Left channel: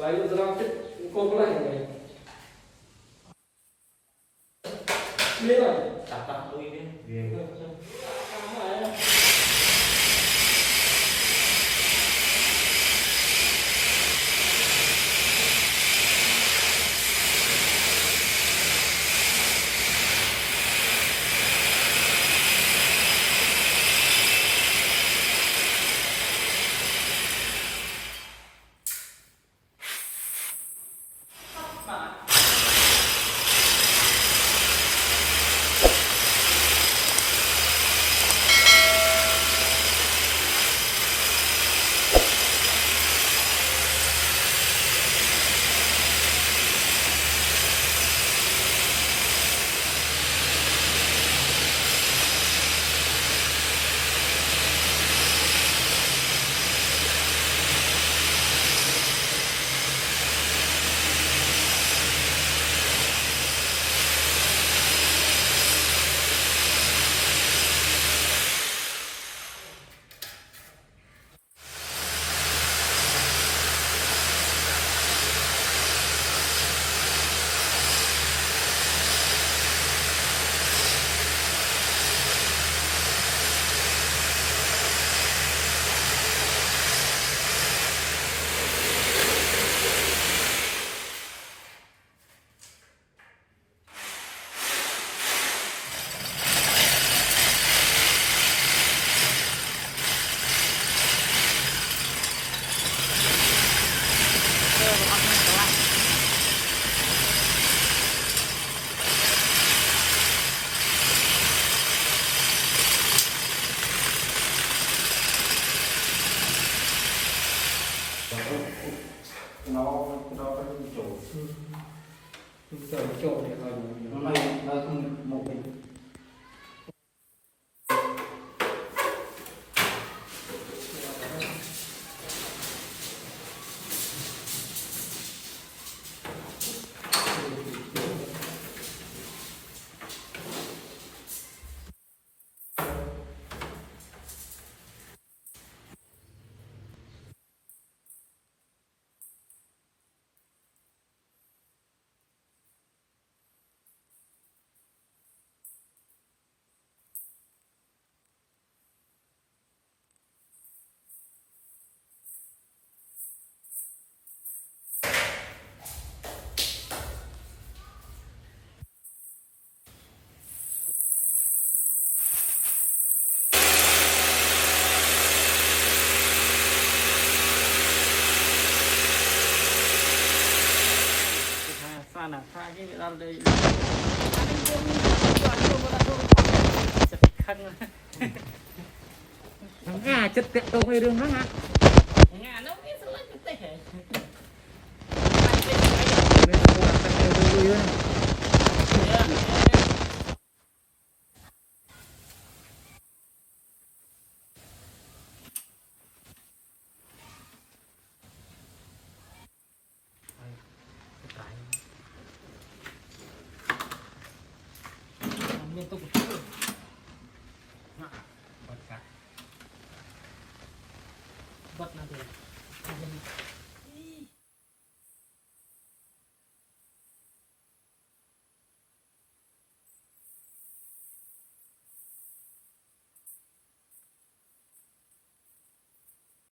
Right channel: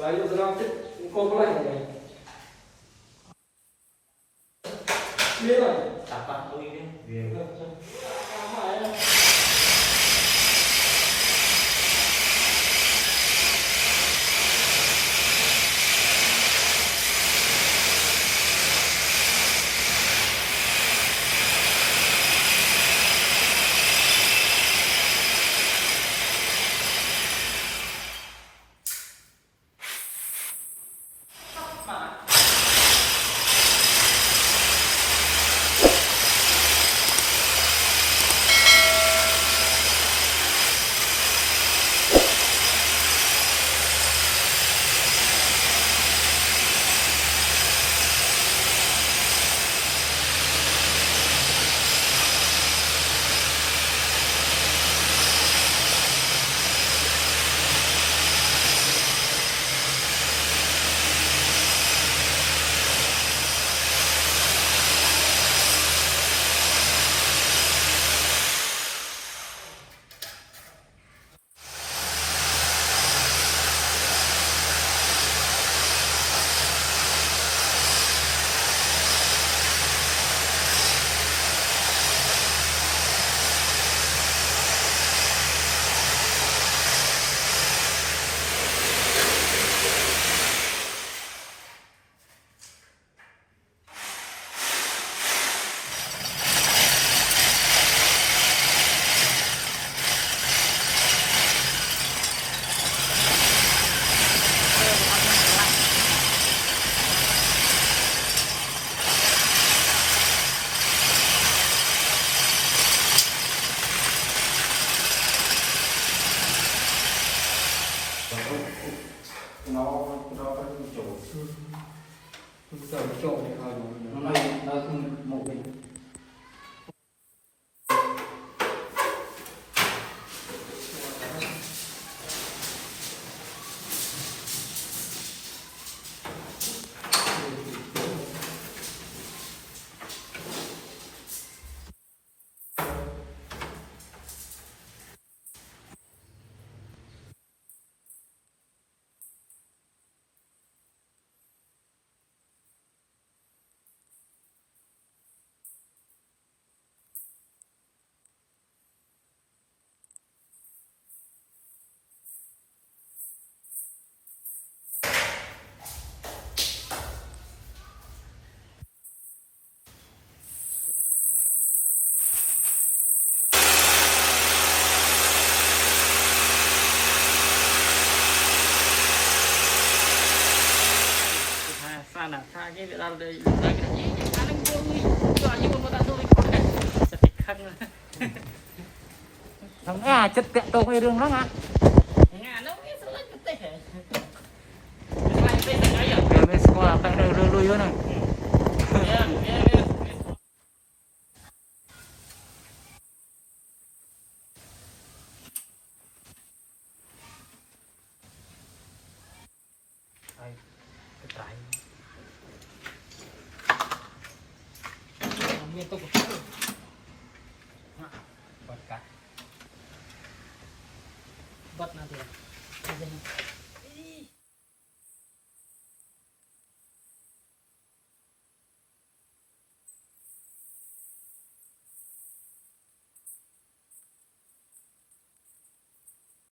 Selain sedikit, kau mulai ya. Ini lah. Tapak tuh ini. Nó có chủ giờ chỗ thì nó không một mình. Sana, pagi biar ada. Thằng à chất tiện đồ cái đường đó à. Mấy số là tăng đường lui này. Cái trái Itu buat nanti ya.